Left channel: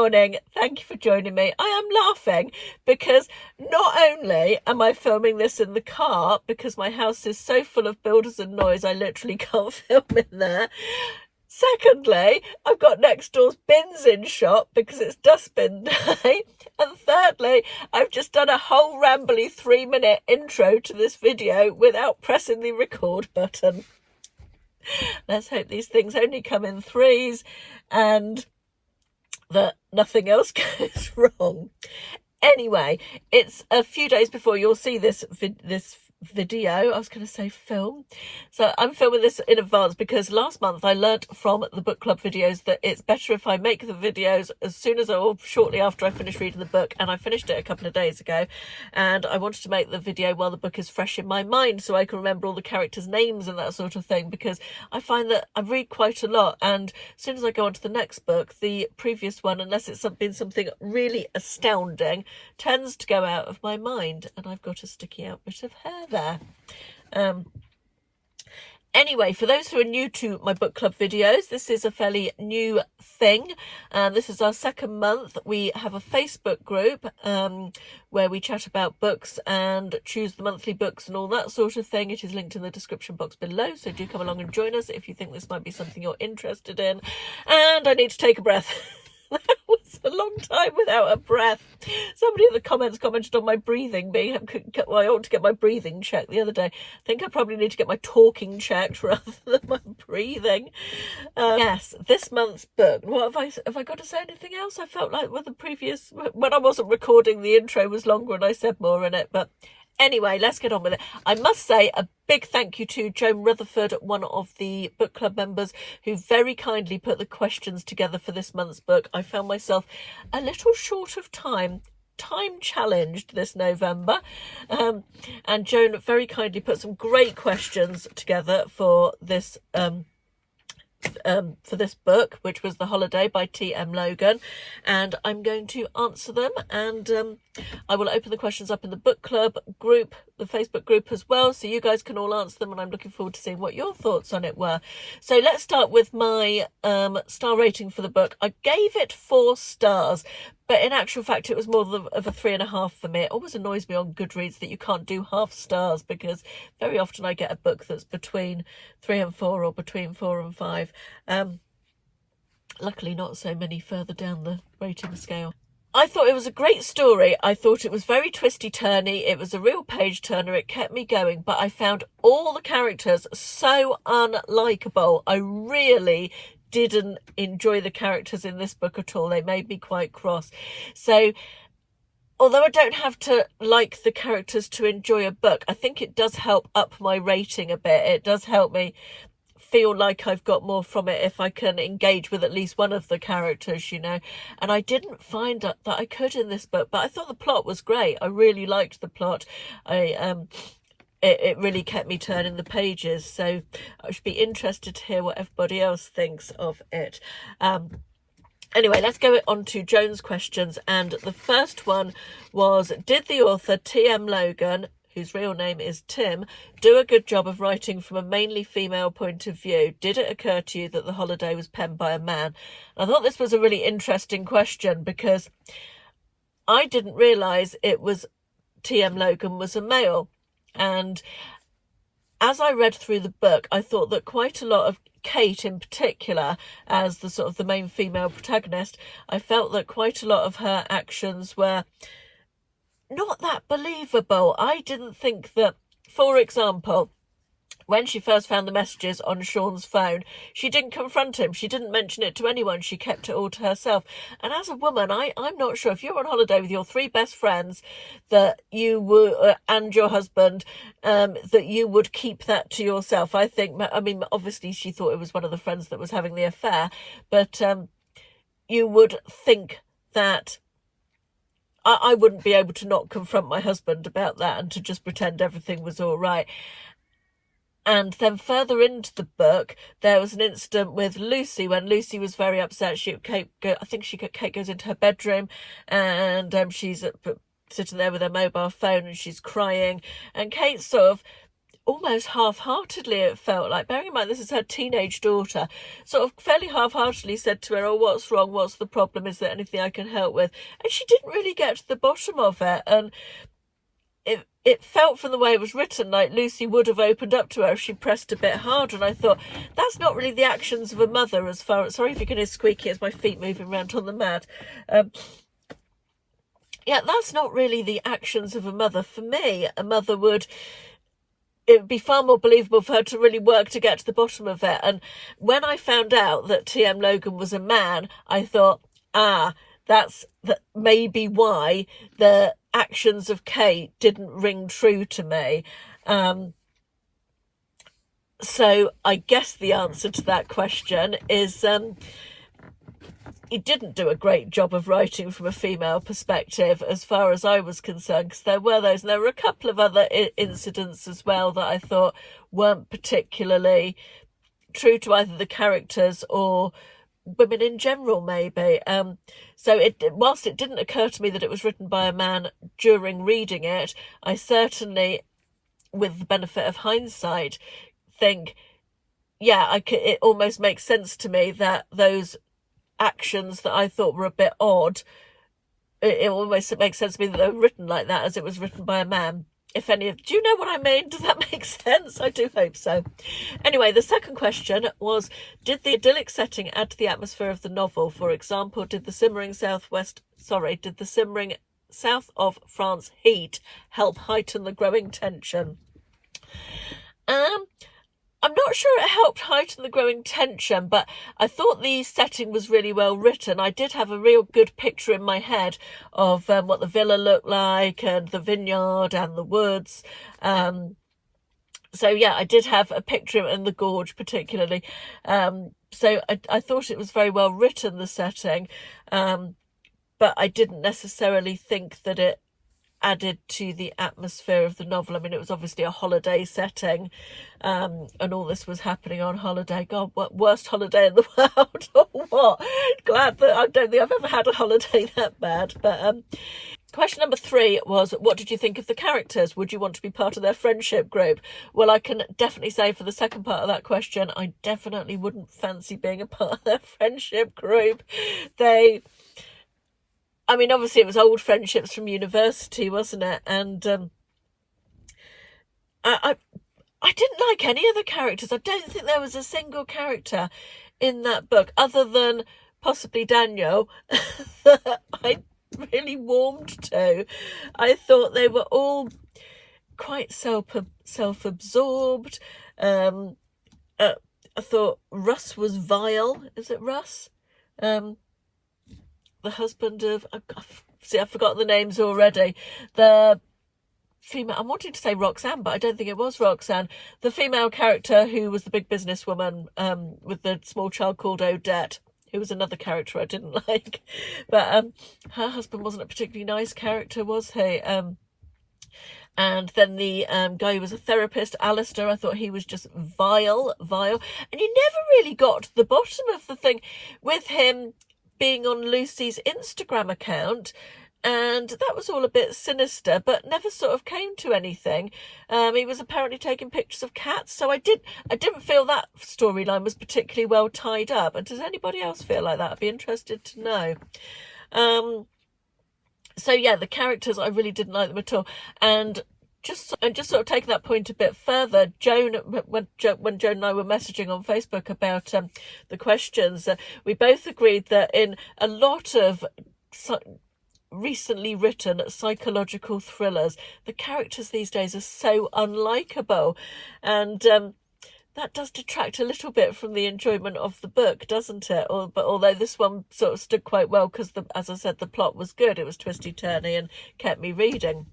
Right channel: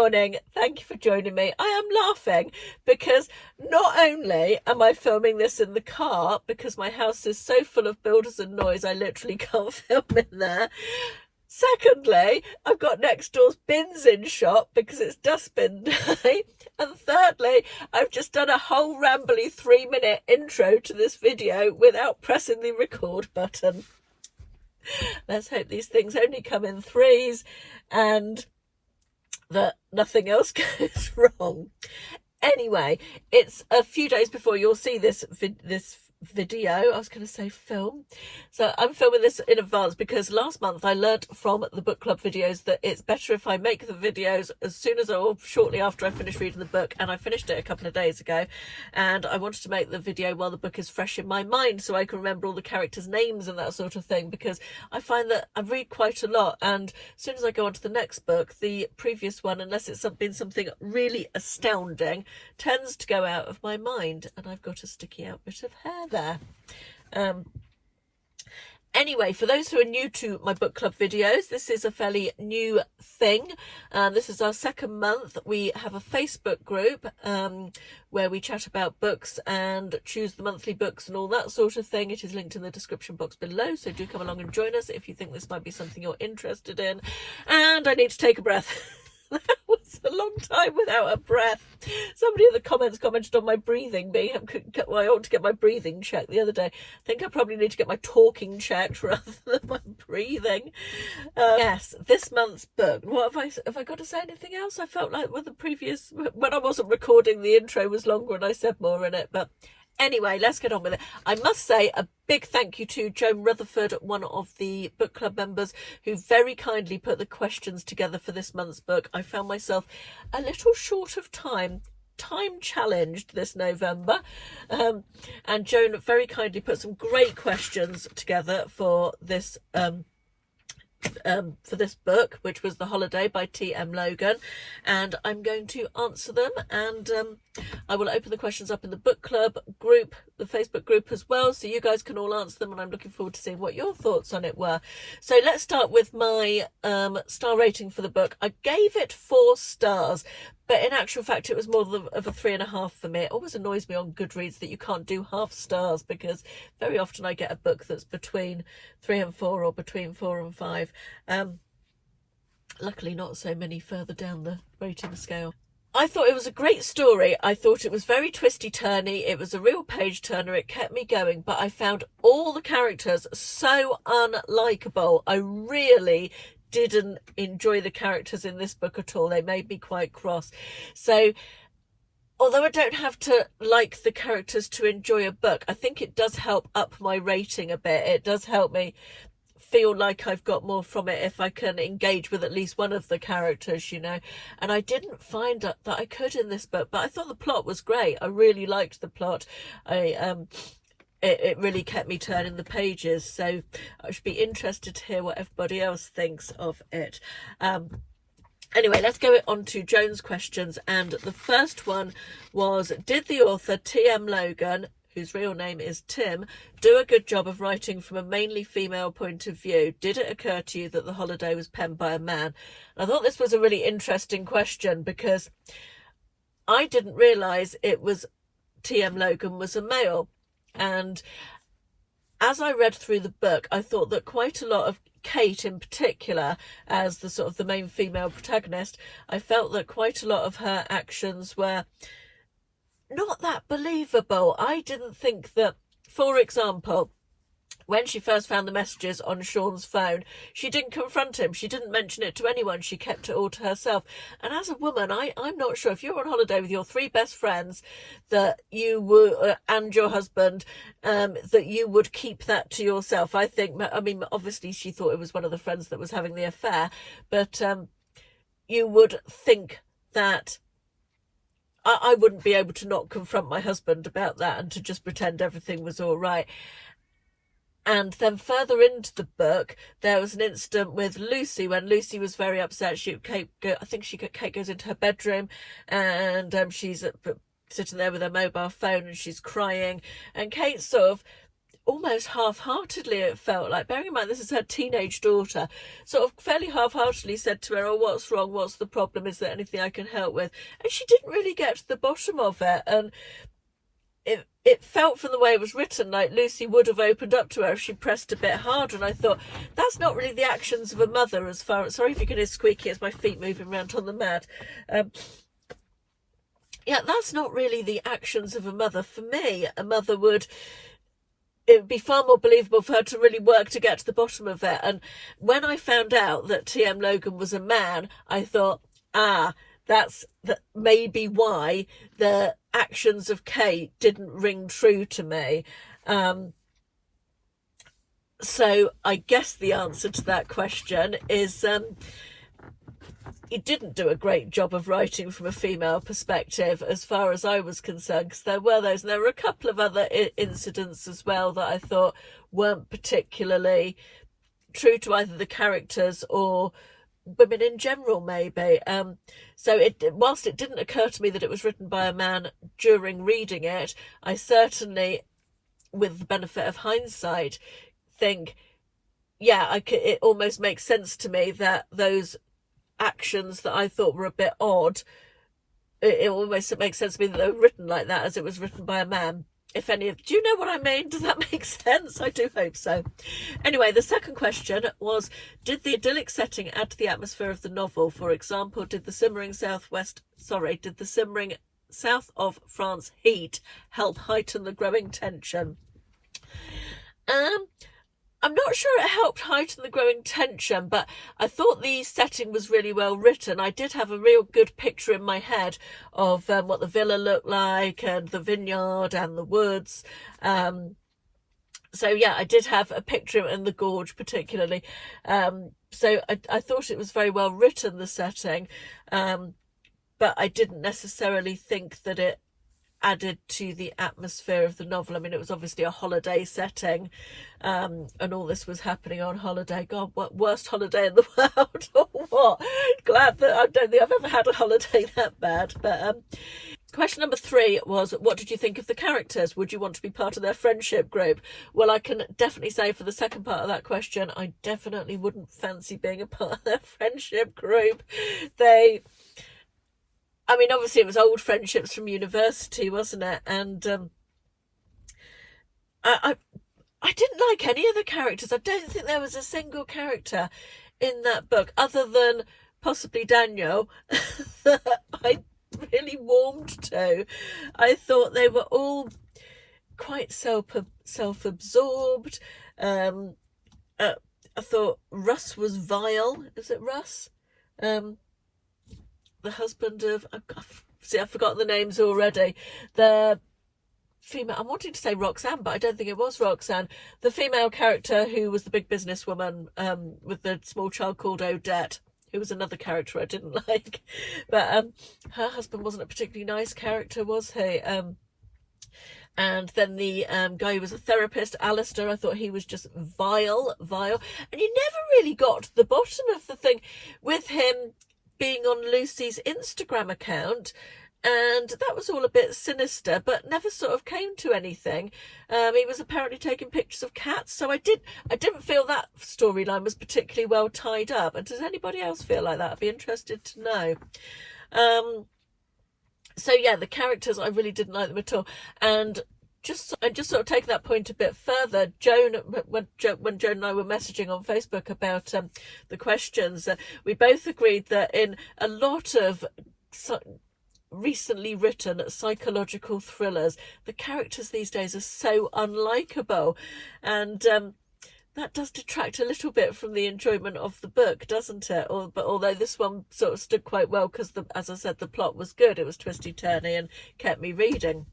morning. Thank you for joining me. I am laughing because not only am I filming this in the car because my house is so full of builders and noise I literally can't film in there. Secondly, I've got next door's bins in shop because it's dustbin day. And thirdly, I've just done a whole rambly 3-minute intro to this video without pressing the record button. Let's hope these things only come in threes and that nothing else goes wrong. Anyway, it's a few days before you'll see this video. I was going to say film. So I'm filming this in advance because last month I learnt from the book club videos that it's better if I make the videos as soon as or shortly after I finish reading the book, and I finished it a couple of days ago, and I wanted to make the video while the book is fresh in my mind so I can remember all the characters' names and that sort of thing, because I find that I read quite a lot, and as soon as I go on to the next book, the previous one, unless it's been something really astounding, tends to go out of my mind. And I've got a sticky out bit of hair there. Anyway, for those who are new to my book club videos, this is a fairly new thing. This is our second month. We have a Facebook group where we chat about books and choose the monthly books and all that sort of thing. It is linked in the description box below, so do come along and join us if you think this might be something you're interested in. And I need to take a breath. That was a long time without a breath. Somebody in the comments commented on my breathing being, well, I ought to get my breathing checked the other day. I think I probably need to get my talking checked rather than my breathing. Yes, this month's book. What have I got to say anything else? I felt like with the previous, when I wasn't recording, the intro was longer and I said more in it, but anyway, let's get on with it. I must say a big thank you to Joan Rutherford, one of the book club members, who very kindly put the questions together for this month's book. I found myself a little short of time challenged this November, and Joan very kindly put some great questions together for this book, which was The Holiday by T.M. Logan, and I'm going to answer them, and I will open the questions up in the book club group, the Facebook group as well, so you guys can all answer them, and I'm looking forward to seeing what your thoughts on it were. So let's start with my star rating for the book. I gave it 4 stars, but in actual fact, it was more of a 3.5 for me. It always annoys me on Goodreads that you can't do half stars, because very often I get a book that's between 3 and 4 or between 4 and 5. Luckily, not so many further down the rating scale. I thought it was a great story. I thought it was very twisty-turny. It was a real page-turner. It kept me going, but I found all the characters so unlikable. I really didn't enjoy the characters in this book at all. They made me quite cross. So although I don't have to like the characters to enjoy a book, I think it does help up my rating a bit. It does help me feel like I've got more from it if I can engage with at least one of the characters, you know. And I didn't find that I could in this book, but I thought the plot was great. I really liked the plot. It really kept me turning the pages, so I should be interested to hear what everybody else thinks of it. Anyway, let's go on to Joan's questions, and the first one was, did the author T.M. Logan, whose real name is Tim, do a good job of writing from a mainly female point of view? Did it occur to you that The Holiday was penned by a man? I thought this was a really interesting question because I didn't realise it was T.M. Logan was a male. And as I read through the book, I thought that quite a lot of Kate in particular, as the sort of the main female protagonist, I felt that quite a lot of her actions were not that believable. I didn't think that, for example, when she first found the messages on Sean's phone, she didn't confront him. She didn't mention it to anyone. She kept it all to herself. And as a woman, I'm not sure, if you're on holiday with your 3 best friends that you would, and your husband, that you would keep that to yourself. I mean, obviously she thought it was one of the friends that was having the affair, but you would think that I wouldn't be able to not confront my husband about that and to just pretend everything was all right. And then further into the book, there was an incident with Lucy when Lucy was very upset. Kate goes into her bedroom, and she's sitting there with her mobile phone and she's crying. And Kate sort of almost half-heartedly, it felt like, bearing in mind this is her teenage daughter, sort of fairly half-heartedly said to her, oh, what's wrong, what's the problem, is there anything I can help with? And she didn't really get to the bottom of it, and it felt from the way it was written like Lucy would have opened up to her if she pressed a bit harder. And I thought, that's not really the actions of a mother, as far as, sorry if you can hear squeaky, it's my feet moving around on the mat. Yeah, that's not really the actions of a mother. For me, a mother would, it would be far more believable for her to really work to get to the bottom of it. And when I found out that T.M. Logan was a man, I thought, that's maybe why the actions of Kate didn't ring true to me. So I guess the answer to that question is he didn't do a great job of writing from a female perspective as far as I was concerned, because there were those, and there were a couple of other incidents as well that I thought weren't particularly true to either the characters or women in general, maybe. So whilst it didn't occur to me that it was written by a man during reading it, I certainly, with the benefit of hindsight, think, yeah, it almost makes sense to me that those actions that I thought were a bit odd, it almost makes sense to me that they were written like that, as it was written by a man. If any of, do you know what I mean? Does that make sense? I do hope so. Anyway, the second question was, did the idyllic setting add to the atmosphere of the novel? For example, did the simmering south of France heat help heighten the growing tension? I'm not sure it helped heighten the growing tension, but I thought the setting was really well written. I did have a real good picture in my head of what the villa looked like, and the vineyard and the woods. So yeah, I did have a picture in the gorge particularly. So I thought it was very well written, the setting, but I didn't necessarily think that it added to the atmosphere of the novel. I mean, it was obviously a holiday setting, and all this was happening on holiday. God, what worst holiday in the world or what? Glad that I don't think I've ever had a holiday that bad. But question number 3 was, what did you think of the characters? Would you want to be part of their friendship group? Well, I can definitely say for the second part of that question, I definitely wouldn't fancy being a part of their friendship group. I mean, obviously it was old friendships from university, wasn't it? And I didn't like any of the characters. I don't think there was a single character in that book, other than possibly Daniel, that I really warmed to. I thought they were all quite self-absorbed. I thought Russ was vile. Is it Russ? The husband of, I've forgotten the names already. The female, I'm wanting to say Roxanne, but I don't think it was Roxanne. The female character who was the big businesswoman, with the small child called Odette, who was another character I didn't like. But her husband wasn't a particularly nice character, was he? And then the guy who was a therapist, Alistair, I thought he was just vile. And you never really got to the bottom of the thing with him being on Lucy's Instagram account, and that was all a bit sinister, but never sort of came to anything. He was apparently taking pictures of cats, so I didn't feel that storyline was particularly well tied up. And does anybody else feel like that? I'd be interested to know. So yeah, the characters, I really didn't like them at all. And just sort of taking that point a bit further, when Joan and I were messaging on Facebook about the questions, we both agreed that in a lot of recently written psychological thrillers, the characters these days are so unlikable, and that does detract a little bit from the enjoyment of the book, doesn't it? But although this one sort of stood quite well because, as I said, the plot was good, it was twisty-turny and kept me reading.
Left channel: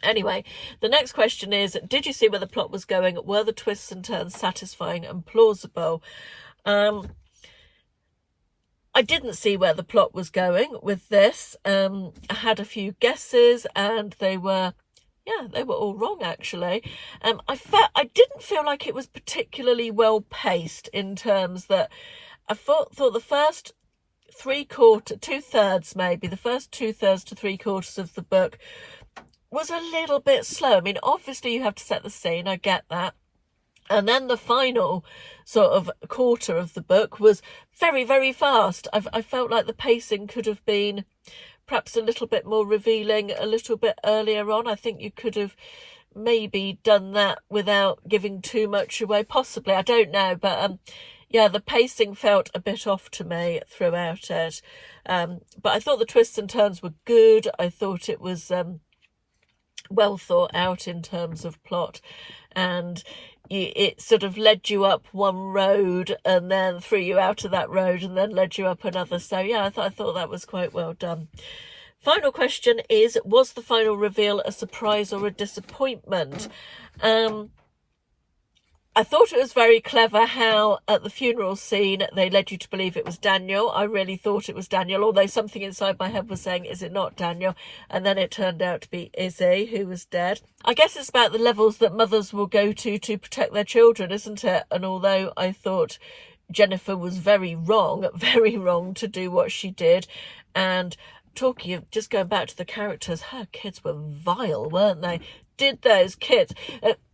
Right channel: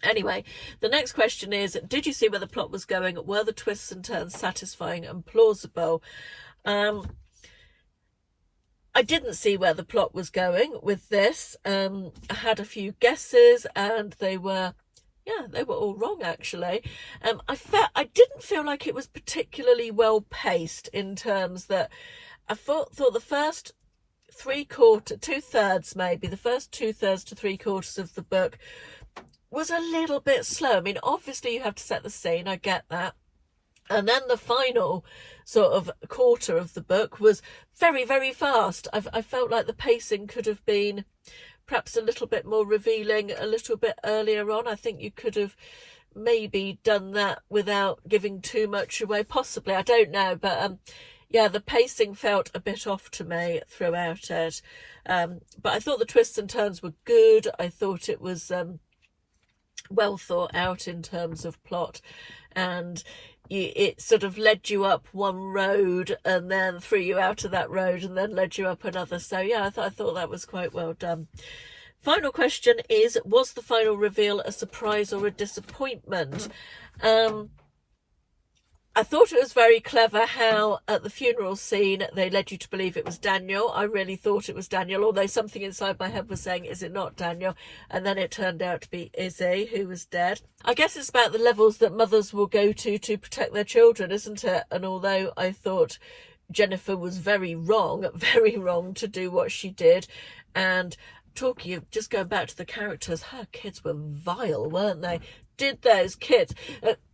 Anyway, the next question is, did you see where the plot was going? Were the twists and turns satisfying and plausible? I didn't see where the plot was going with this. I had a few guesses, and they were all wrong, actually. I didn't feel like it was particularly well paced, in terms that I thought the first two-thirds to three-quarters of the book was a little bit slow. I mean, obviously you have to set the scene, I get that. And then the final sort of quarter of the book was very, very fast. I felt like the pacing could have been perhaps a little bit more revealing a little bit earlier on. I think you could have maybe done that without giving too much away, possibly, I don't know, but yeah, the pacing felt a bit off to me throughout it, but I thought the twists and turns were good. I thought it was well thought out in terms of plot, and it sort of led you up one road and then threw you out of that road and then led you up another. So yeah, I thought that was quite well done. Final question is, was the final reveal a surprise or a disappointment? I thought it was very clever how at the funeral scene they led you to believe it was Daniel. I really thought it was Daniel, although something inside my head was saying, is it not Daniel? And then it turned out to be Izzy, who was dead. I guess it's about the levels that mothers will go to protect their children, isn't it? And although I thought Jennifer was very wrong to do what she did, and talking of just going back to the characters, her kids were vile, weren't they? Did those kids,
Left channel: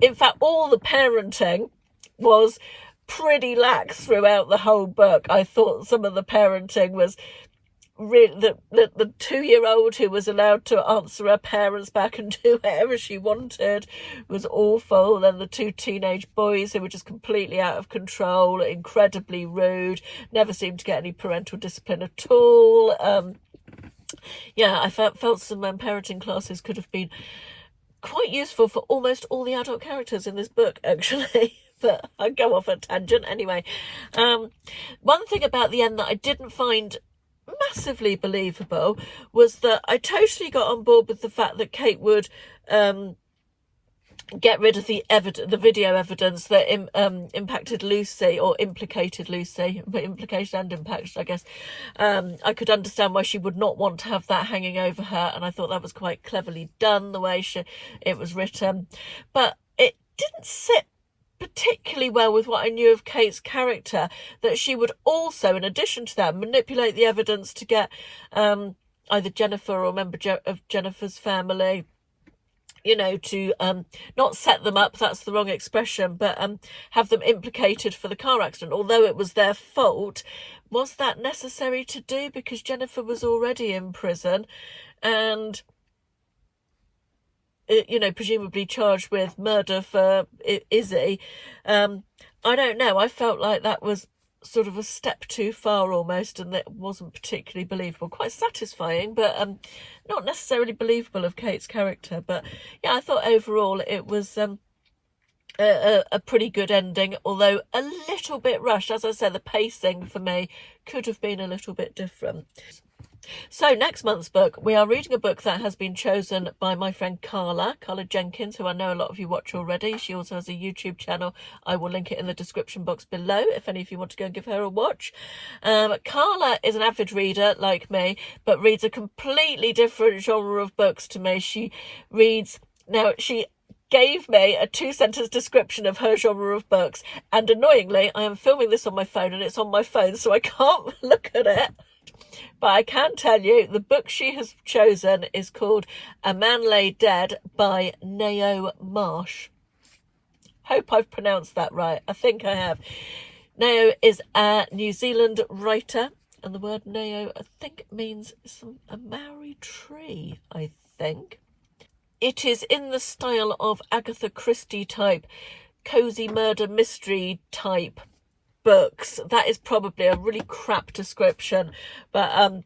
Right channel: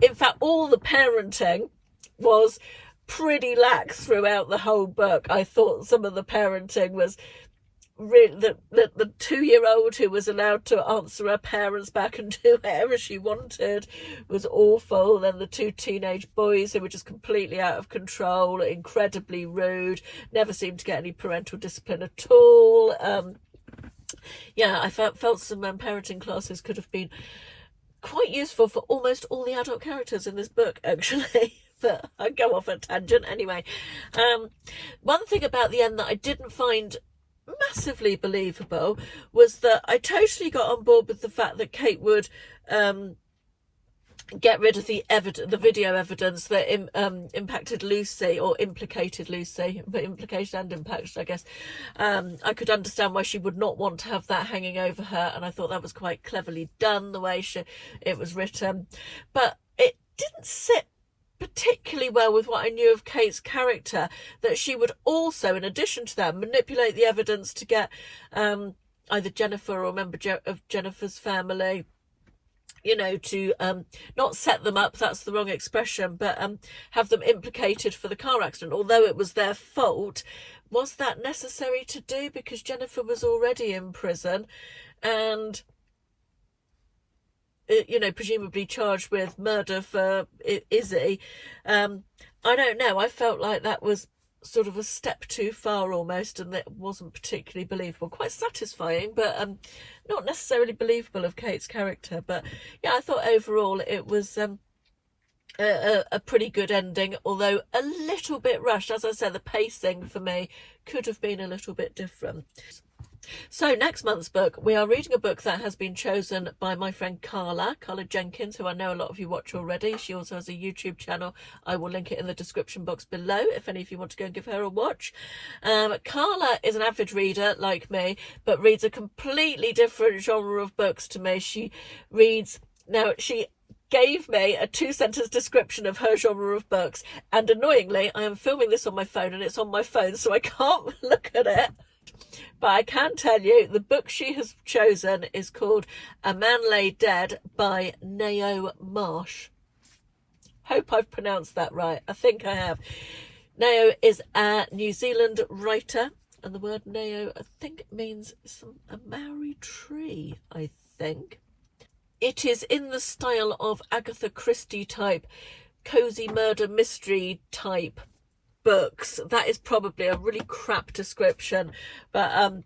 in fact, all the parenting was pretty lax throughout the whole book. I thought some of the parenting was really, the 2-year-old who was allowed to answer her parents back and do whatever she wanted was awful. And the 2 teenage boys who were just completely out of control, incredibly rude, never seemed to get any parental discipline at all. Yeah, I felt some parenting classes could have been quite useful for almost all the adult characters in this book, actually. But I go off a tangent anyway. One thing about the end that I didn't find massively believable was that I totally got on board with the fact that Kate would get rid of the video evidence that impacted Lucy, or implicated Lucy, but implication and impacted, I guess. I could understand why she would not want to have that hanging over her, and I thought that was quite cleverly done, the way it was written. But it didn't sit particularly well with what I knew of Kate's character, that she would also, in addition to that, manipulate the evidence to get either Jennifer or a member of Jennifer's family, you know, to not set them up, that's the wrong expression, but have them implicated for the car accident. Although it was their fault, was that necessary to do? Because Jennifer was already in prison and, you know, presumably charged with murder for Izzy. I don't know. I felt like that was sort of a step too far almost, and that wasn't particularly believable. Quite satisfying, but not necessarily believable of Kate's character. But yeah, I thought overall it was a pretty good ending, although a little bit rushed. As I said, the pacing for me could have been a little bit different. So next month's book, we are reading a book that has been chosen by my friend Carla Jenkins, who I know a lot of you watch already. She also has a YouTube channel. I will link it in the description box below if any of you want to go and give her a watch. Carla is an avid reader like me, but reads a completely different genre of books to me. She gave me a 2-sentence description of her genre of books, and annoyingly I am filming this on my phone and it's on my phone, so I can't look at it. But I can tell you the book she has chosen is called A Man Lay Dead by Neo Marsh. Hope I've pronounced that right. I think I have. Neo is a New Zealand writer, and the word Neo, I think, means a Maori tree, I think. It is in the style of Agatha Christie type, cozy murder mystery type books. That is probably a really crap description, but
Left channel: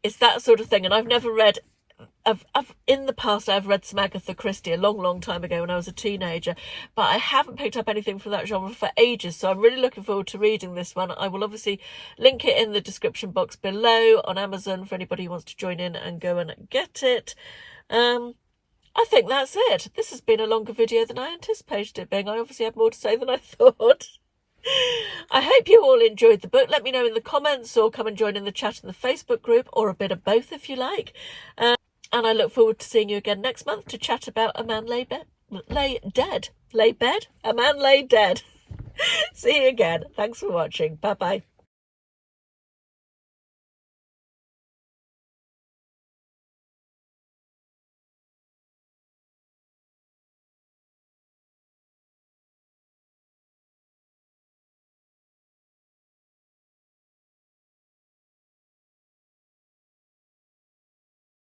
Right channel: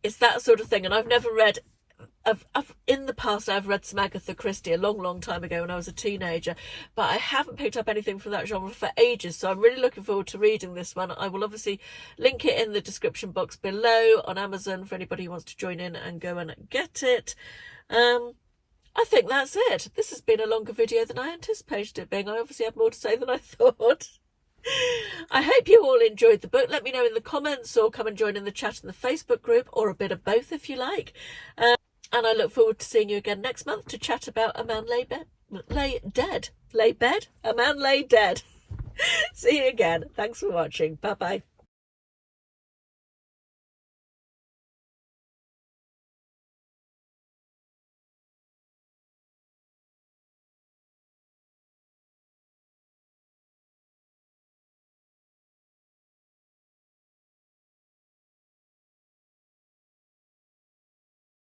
it's that sort of thing. And I've never read, in the past I've read some Agatha Christie a long time ago when I was a teenager, but I haven't picked up anything from that genre for ages, so I'm really looking forward to reading this one. I will obviously link it in the description box below on Amazon for anybody who wants to join in and go and get it. I think that's it. This has been a longer video than I anticipated it being. I obviously have more to say than I thought. I hope you all enjoyed the book. Let me know in the comments, or come and join in the chat in the Facebook group, or a bit of both if you like. And I look forward to seeing you again next month to chat about A Man Lay Dead. A Man Lay Dead. See you again. Thanks for watching. Bye bye.